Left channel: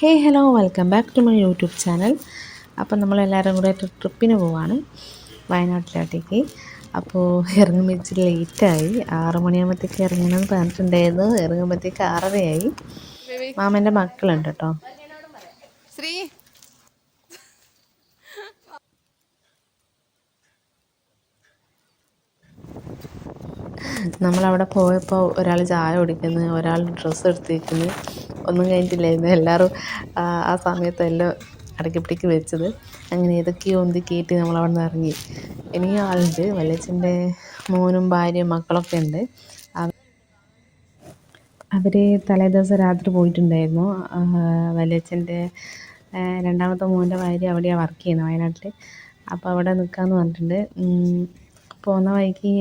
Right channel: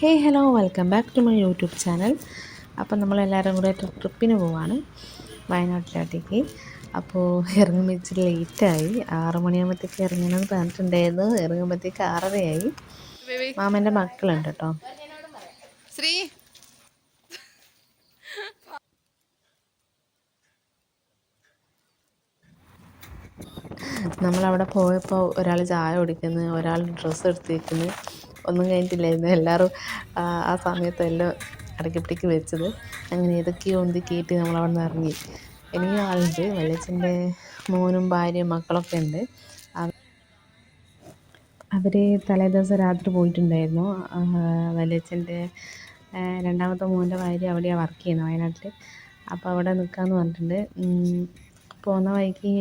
Hey hello welcome back to my YouTube channel. അപ്പം നമ്മളെല്ലാവരും കൂടെ ട്രിപ്പിന് പോവാണ് വയനാട്ടിലോട്ടേക്ക്. അപ്പോൾ ഇറങ്ങുമ്പോൾ ഇച്ചിരി ലേറ്റായി. 6 മണിയാകുമ്പോഴത്തേക്ക് ഇറങ്ങണമെന്ന് പറഞ്ഞിട്ടുണ്ടായിരുന്നു. ഇറങ്ങുമ്പോഴത്തേക്ക് 6:30 മാമൻ്റെ മക്കളുണ്ട് കേട്ടോ. ശ്രീ നമ്മളവിടെ പോയപ്പോൾ ഒരാൾ ചായ കുടിക്കുന്നു, ഒരാൾ ഡ്രസ്സ് എടുത്തിരിക്കുന്നു. ഒന്നും കഴിഞ്ഞിട്ടില്ലായിരുന്നു. എല്ലാവരും ആ സമയത്തെല്ലാം അടക്കിപ്പിടിക്ക് വെച്ചത്. അങ്ങനെ ഏതൊക്കെയോ ഒന്തി കയറ്റി നമ്മളവിടെ നിന്ന് ഇറങ്ങി. ഇനിയും ആളുണ്ട്, വല്യച്ഛൻ്റെ മോനും ഭാര്യയും മക്കളൊക്കെ ഉണ്ട്. അവർ തലേദിവസം രാത്രി പോയിട്ടുണ്ടായിരുന്നു. വല്യച്ഛൻ്റെ രണ്ടാമത്തെ മോൻ്റെ ഭാര്യ അവിടെയാണ് വർക്ക് ചെയ്യുന്നത്, വയനാട്ടിൽ. അപ്പോൾ അവിടെ നിൽക്കാമെന്ന് പറഞ്ഞിട്ടുണ്ട്. പോകുന്ന വഴിക്ക്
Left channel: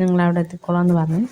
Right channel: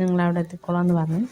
നിങ്ങളവിടെ എത്തിക്കോളാം എന്ന് പറഞ്ഞു.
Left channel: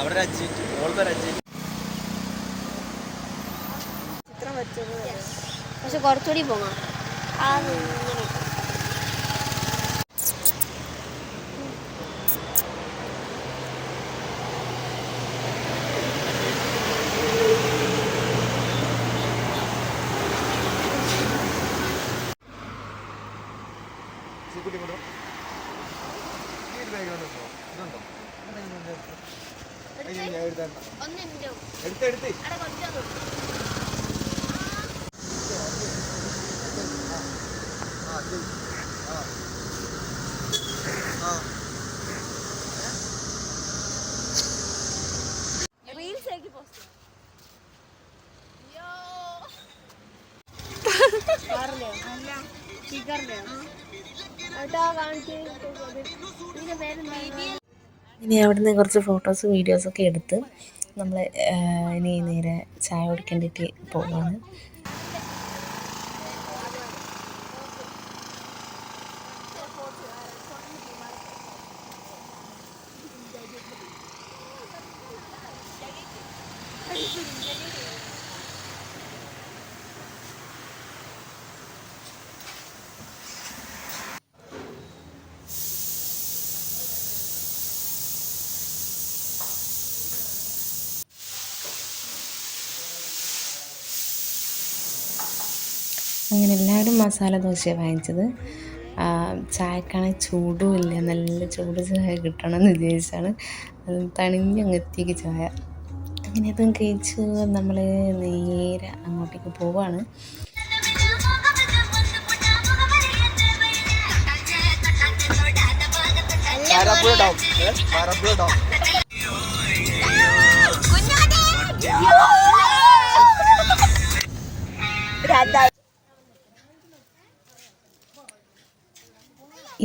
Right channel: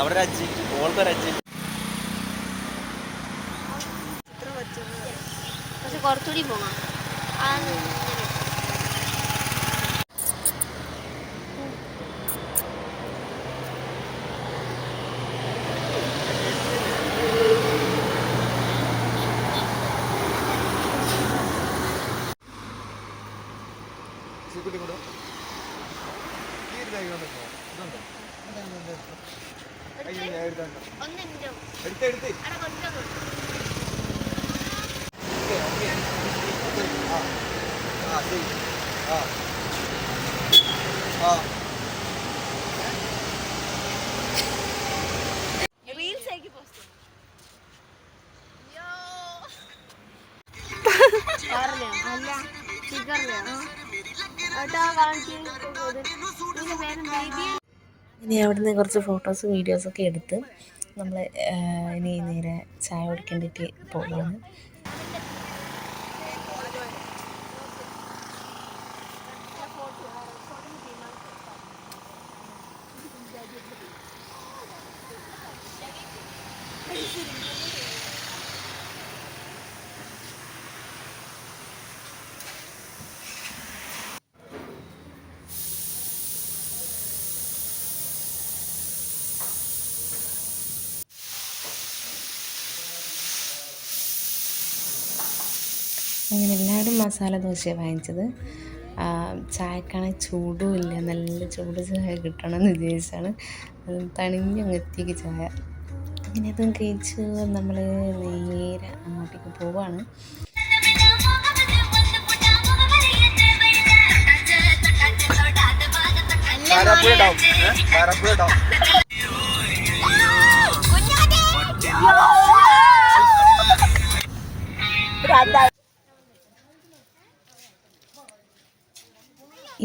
അവിടെ പക്ഷെ കുറച്ചുകൂടി പോകാം. ഇനി അവിടുന്ന് കുറച്ച് ഫോട്ടോസ് വീഡിയോസൊക്കെ എടുത്ത് നമ്മൾ ഇനി നേരെ ചായ കുടിക്കേണ്ടിയിട്ട് പോവുകയാണ്. അങ്ങനെ എല്ലാവരും മസാല ദോശയാണ് വാങ്ങിച്ചത്. ചായക്കാണെങ്കിൽ ചൂടും ഇല്ല, നല്ല ചൂട് ചായ കിട്ടണമെന്ന് വിചാരിച്ചാണ് തണിഞ്ഞങ്ങെത്തിക്ക് ചായ. അങ്ങനെ അതും കഴിച്ച് നമ്മൾ നേരെ അങ്ങോട്ടേക്ക് പോവാണ്.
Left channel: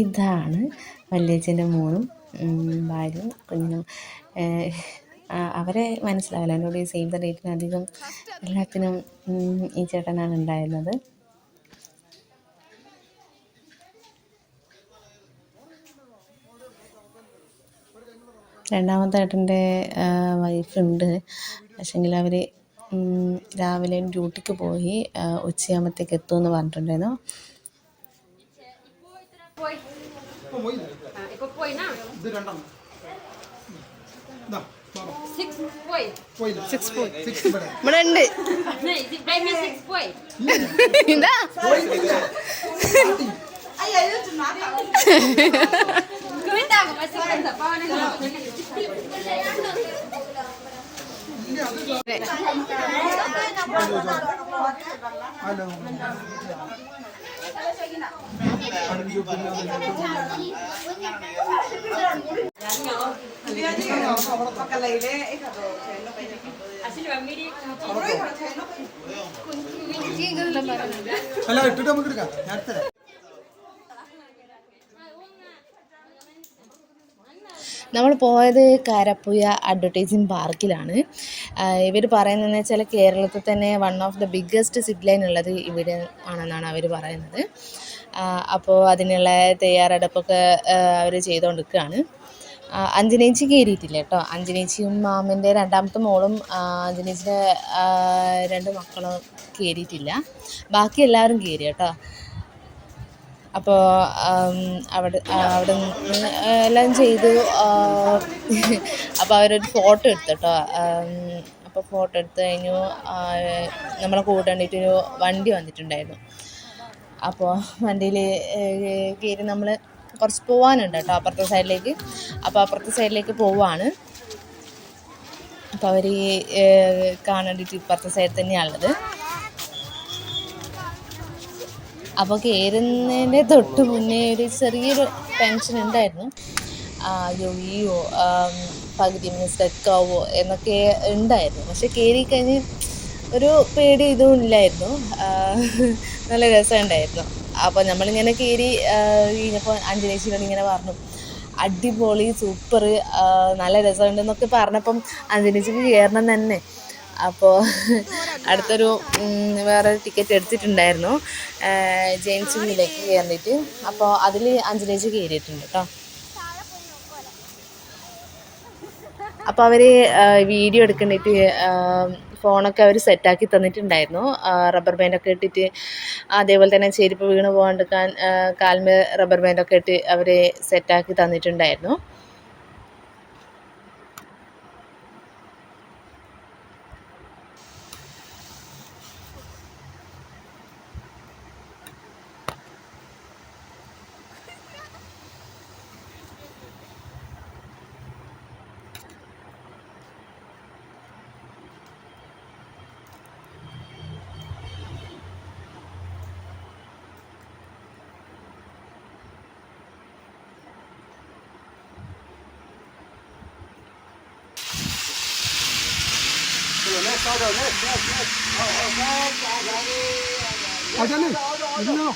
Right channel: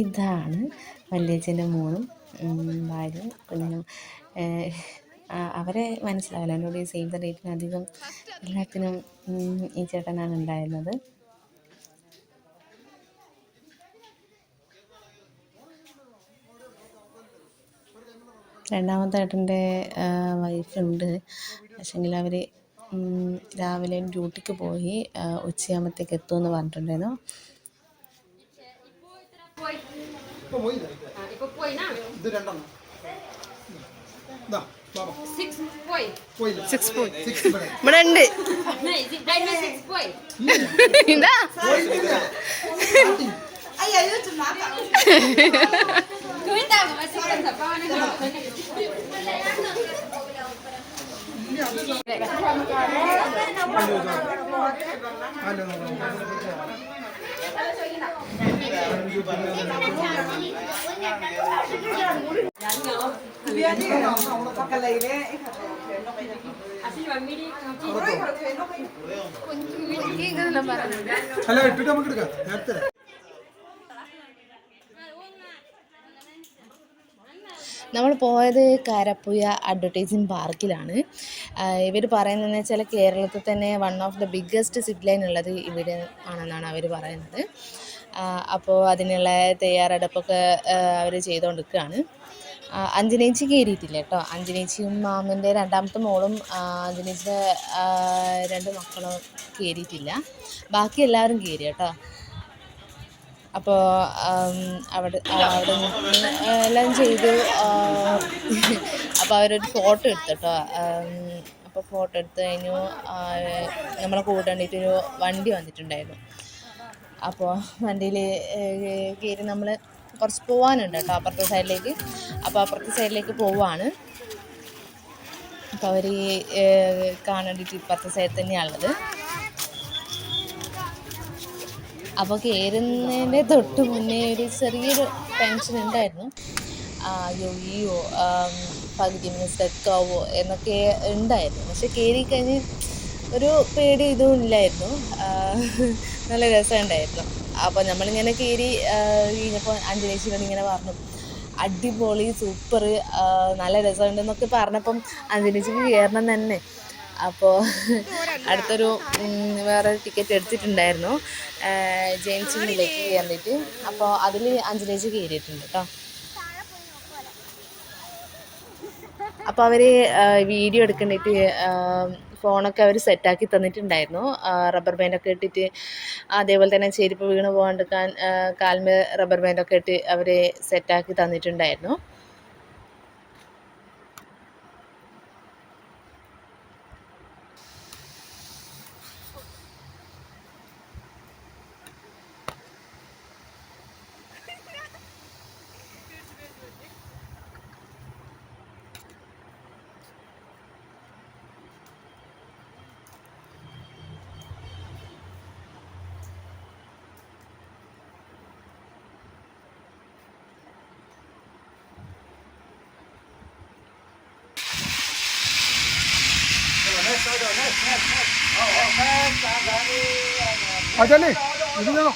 ഇതാണ് വല്യച്ഛൻ്റെ മോനും ഭാര്യയും കുഞ്ഞും. അവരെ മനസ്സിലാവില്ല. എന്നോട് ഈ സേവ് ദ ഡേറ്റിനധികം എല്ലാത്തിനും ഈ ചേട്ടനാണ് ഉണ്ടായിരുന്നത്. രണ്ടാമത്തെ ഏട്ടൻ്റെ വൈഫുണ്ട്. പക്ഷേങ്കിൽ അവർ രാവിലെ ഡ്യൂട്ടിക്ക് പോയി ഉച്ചയാകുമ്പോഴത്തേക്ക് എത്തുമെന്ന് പറഞ്ഞിട്ടുണ്ടായിരുന്നു. ഇവിടെ ഉണ്ട്. എന്താ അല്ല ഇട്ടിട്ട് നമുക്ക് എടുക്കാം. നമ്മൾ പോയത് കാരപ്പുഴ അഡ്വർടൈസിങ് പാർക്കിലാണ്. ഇവർ പറയുന്നതെന്ന് വെച്ചാൽ കേരളത്തിൽ തന്നെ one of the biggest zip line ഉള്ളത് ഇവിടെ ആണെന്നാണ് അവർ പറയുന്നത്. അപ്പോൾ അതിനുള്ള തയ്യാറെടുപ്പൊക്കെ അവർ ചെയ്തുകൊണ്ടിരിക്കുകയാണ്. അഞ്ജനേച്ചി കയറിയിട്ടില്ല കേട്ടോ. അഞ്ജനേച്ചിയും മാമൻ്റെ രണ്ടാമത്തെ മോളും അഞ്ജനേച്ചിയുടെ 2 മക്കളും കയറിയിട്ടില്ല. ബാക്കി എല്ലാവരും കയറി കേട്ടോ. അപ്പോൾ അവിടെ എല്ലാം ചെയ്തു. അപ്പോൾ അവരൊരു ഫോട്ടോ എടുത്തു കേട്ടോ. അപ്പോൾ ഫോട്ടോ എടുത്ത് കഴിഞ്ഞു. നമ്മളെ കൂട്ടേണ്ടിയിട്ടൊരു വണ്ടി വന്നിട്ടുണ്ടായിരുന്നു. അപ്പോൾ വണ്ടിയിൽ കയറി നമ്മൾ കുറച്ച് പോകാനുണ്ട് കേട്ടോ അപ്പുറത്തെ സൈഡിലേക്ക്. അപ്പോൾ അപ്പുറത്തെ സൈഡിലേക്ക് പോവാണ്. അപ്പോൾ അവർ കാണേണ്ടിയിട്ട് ഇപ്പുറത്തെ സൈഡിൽ തന്നെയാണുള്ളത്. അപ്പോൾ കയറുന്നതിൻ്റെ തൊട്ട് മുന്നേ ഒരു ചെറിയൊരു ടെൻഷൻ ഉണ്ടായിരുന്നു. അയ്യോ പകുതി മിസ്സാക്കാവോ എന്നൊക്കെ ഉണ്ടായിരുന്നു. പക്ഷെ കയറി കഴിഞ്ഞ് ഒരു പേടി ഇതും ഇല്ലായിരുന്നു. നല്ല രസമുണ്ടായിരുന്നു. അപ്പോൾ നമ്മളിങ്ങനെ കയറി കഴിഞ്ഞപ്പോൾ അഞ്ജനേച്ചിയോട് ഇങ്ങനെ പറഞ്ഞു, അടിപൊളി സൂപ്പർ നല്ല രസമുണ്ടെന്നൊക്കെ പറഞ്ഞപ്പം അഞ്ജനേച്ചിക്ക് കയറണം തന്നെ. അപ്പോൾ അടുത്തൊരു വേറെ ടിക്കറ്റ് എടുത്തിട്ടുണ്ടായിരുന്നു ജെയിംസിലേക്ക് കയറിയിട്ട്. അപ്പോൾ അതിൽ അഞ്ജനേച്ചി കയറിയിട്ടുണ്ട് കേട്ടോ. അപ്പോൾ അവർ വീഡിയോ എടുക്കേണ്ടിയിട്ട് ഫോണൊക്കെ അവർ സെറ്റാക്കി തന്നിട്ടുണ്ടായിരുന്നു. റബ്ബർ ബാൻഡൊക്കെ ഇട്ടിട്ട്, അതേപോലെ തന്നെ ചെരുപ്പ് വീണ് പോകാണ്ടിരിക്കാൻ കാലിന് റബ്ബർ ബാൻഡൊക്കെ ഇട്ട് അവർ സെറ്റാക്കി തന്നിട്ടുണ്ടായിരുന്നു. അതല്ലേ ഇരുന്നോ.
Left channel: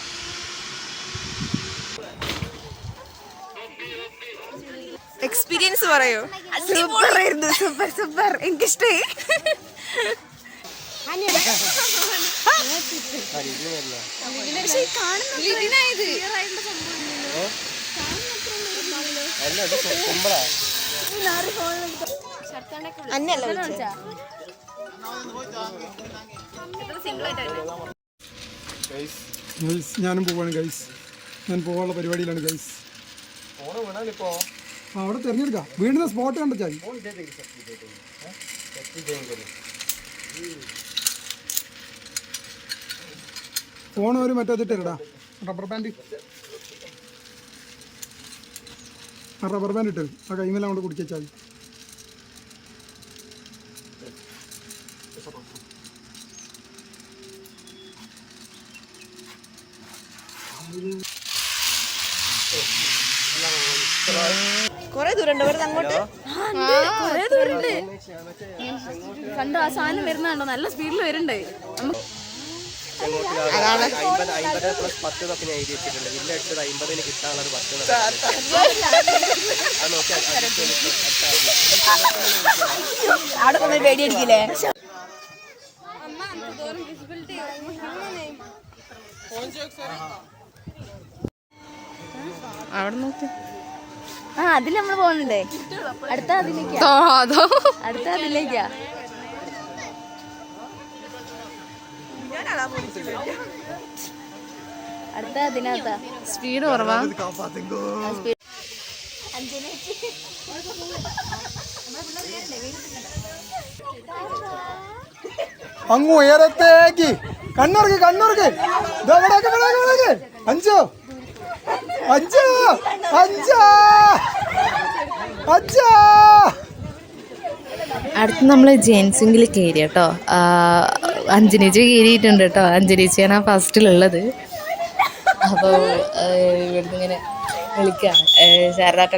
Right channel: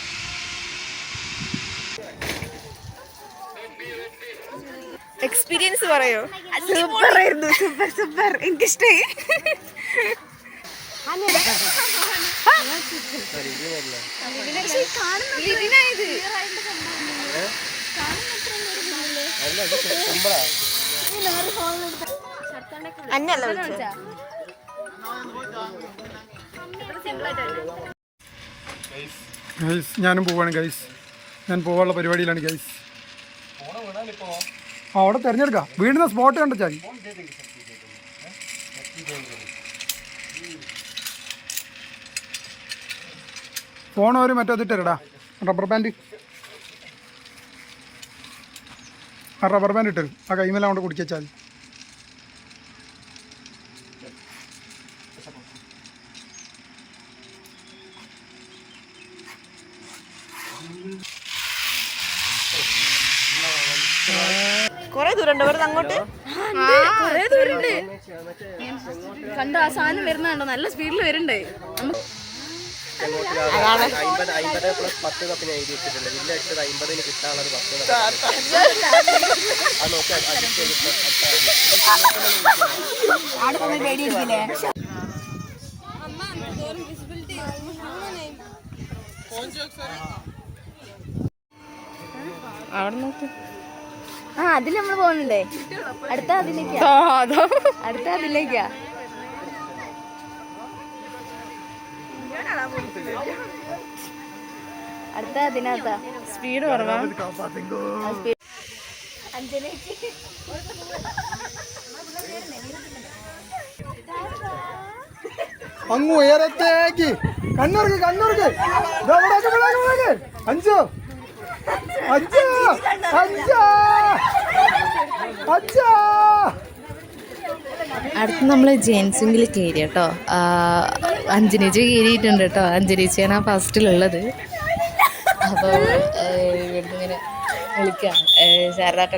എക്സ്പീരിയൻസ് പറയോ? സൂപ്പർ ആയിരുന്നു. സൂപ്പർ എനിക്കിഷ്ടമായി. അന്നല്ല ഗൈസ് ഞാനും പോവാണ് ഗൈസ്. ഞാൻ പോകാനുള്ള പരിപാടിയിലാണ് ഗൈസ്. അവിടെ തിരഞ്ഞെടുക്കാം. വീണ്ടുന്ന സ്പോട്ട് കണ്ടാൽ ഫോൺ ഒരു മറ്റേതിട്ടരടാ. Rubber band ഇട്ടരും. ആ കൈമെല്ലാം കൊണ്ട് കുടിച്ചാൽ മതി. കൊറേ ദൂരം ഉണ്ട് അങ്ങോട്ട്. കൊറേ ദൂരണ്ട്. കണ്ടോ ആ സാധനം വരുന്നുണ്ടോ? നല്ല സ്പീഡിൽ വരുന്നുണ്ട്. പേടിയിരിക്കില്ലേ? അവിടെ നോക്ക്. ആ അതിൽ നമ്മൾ പോകുന്നുണ്ടേ. അടുത്ത അതിലേക്കാ. അടുത്ത അതിലേക്കാ. അടുത്ത അതിനകത്താ. സ്പീഡ് കുറവാ. അങ്ങ് ഉയരത്തേക്ക് കണ്ണൂർക്ക് അഞ്ചോ അച്ഛാ അച്ഛാ അച്ഛാ. അടുത്ത് നമ്മൾ ജെയിൻസിങ്കിൽ കയറി കേട്ടോ. അഞ്ജനേച്ചി കയറിയിട്ടുണ്ട് കേട്ടോ. അഞ്ജനേച്ചിയാണ് ആ ഫസ്റ്റിലുള്ളത്. അപ്പോൾ ഇങ്ങനെ വിളിക്കാണ് ശാരദാട്ട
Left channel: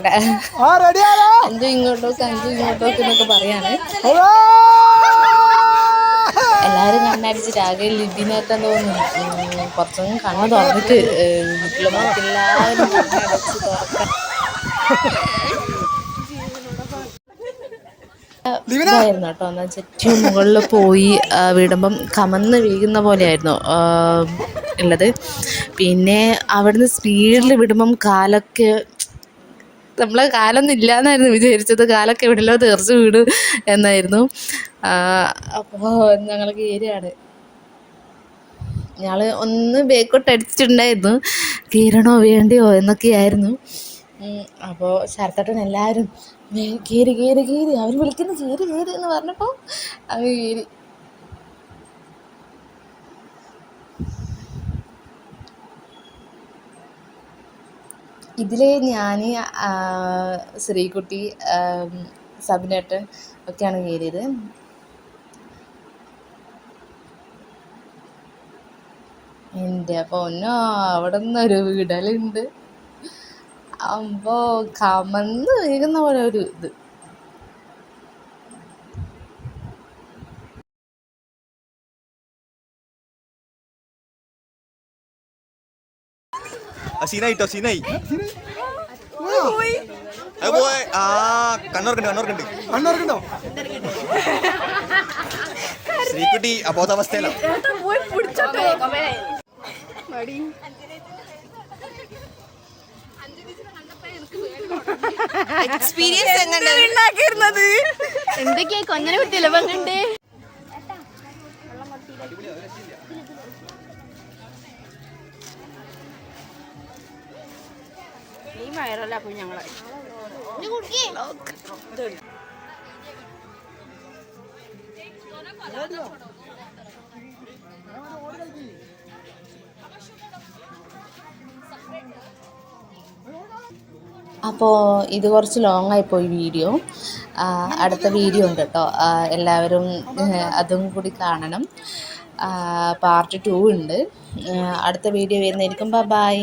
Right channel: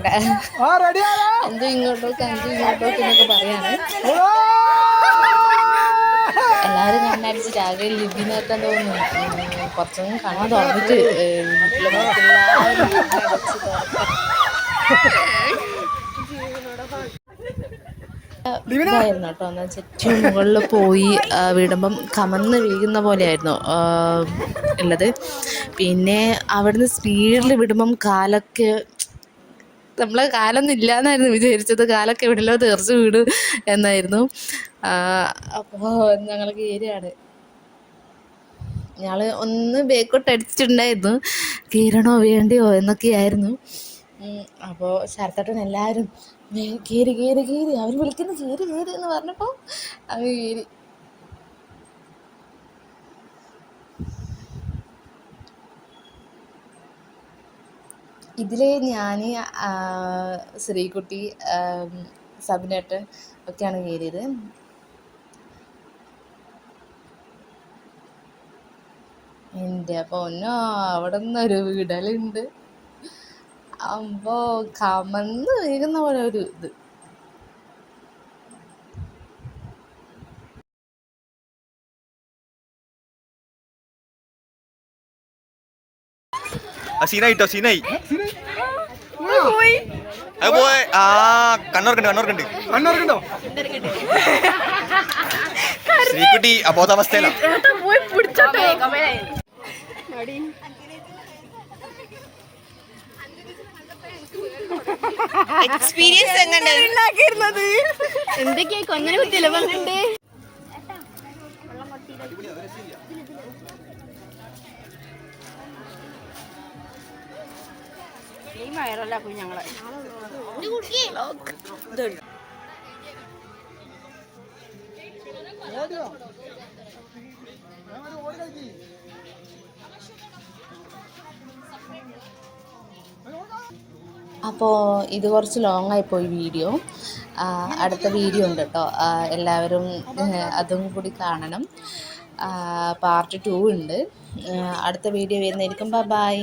എന്തോ ഇങ്ങോട്ടോക്ക് എന്നൊക്കെ പറയാണ്. എല്ലാവരും കണ്ണടിച്ചിട്ട് ആകെ ലിബിനൊക്കെ തോന്നുന്നു. കുറച്ചൊന്നും കണ്ണു തുറന്നിട്ട് ഇതായിരുന്നു കേട്ടോ. എന്നാൽ ചുറ്റും മുകളിൽ പോയി വിടുമ്പം കമന്ന് വീഴുന്ന പോലെയായിരുന്നു ഉള്ളത്. പിന്നെ അവിടുന്ന് സ്പീഡിൽ വിടുമ്പം കാലൊക്കെ നമ്മളെ കാലൊന്നും ഇല്ലയെന്നായിരുന്നു വിചാരിച്ചത്. കാലൊക്കെ എവിടെയല്ലോ തെറിച്ച് വീടും എന്നായിരുന്നു. അപ്പോൾ ഞങ്ങൾ കയറിയാണ്. ഞങ്ങൾ ഒന്ന് ബേക്കോട്ട് അടിച്ചിട്ടുണ്ടായിരുന്നു, കയറണോ വേണ്ടിയോ എന്നൊക്കെയായിരുന്നു. അപ്പോൾ ശരത്തേട്ടൻ എല്ലാവരും കയറി കയറി കയറി അവർ വിളിക്കുന്നു കയറി കയറി എന്ന് പറഞ്ഞപ്പോൾ അവർ കയറി. ഇതിൽ ഞാൻ, ശ്രീകുട്ടി, സബിനേട്ടൻ ഒക്കെയാണ് കയറിയത്. എൻ്റെ പൊന്നോ, അവിടെ നിന്നൊരു വിടലുണ്ട്. അപ്പോൾ കമന്ന് വീഴുന്ന പോലെ ഒരു ഇത്. സീനായിട്ടോ സീനായി. അത് പോയി. ആ കണ്ണോർക്കുണ്ട്. ശ്രീകുട്ടി അബോധാവസ്ഥയിലാണ്. എക്സ്പീരിയൻസ് എന്തൊക്കെയാ കൊഞ്ഞനെ കുത്തിയല്ലേ പങ്കണ്ട്. വയറല്ല ഞങ്ങള് അപ്പോൾ ഇത് കുറച്ച് ലോങ് ആയിപ്പോയി വീഡിയോ. അടുത്ത വീഡിയോ ഉണ്ട് കേട്ടോ, എല്ലാവരും അതും കൂടി കാണണം. പാർട്ട് 2 ഉണ്ട്. അടുത്ത വീഡിയോ വരുന്നതായിരിക്കും. ബൈ.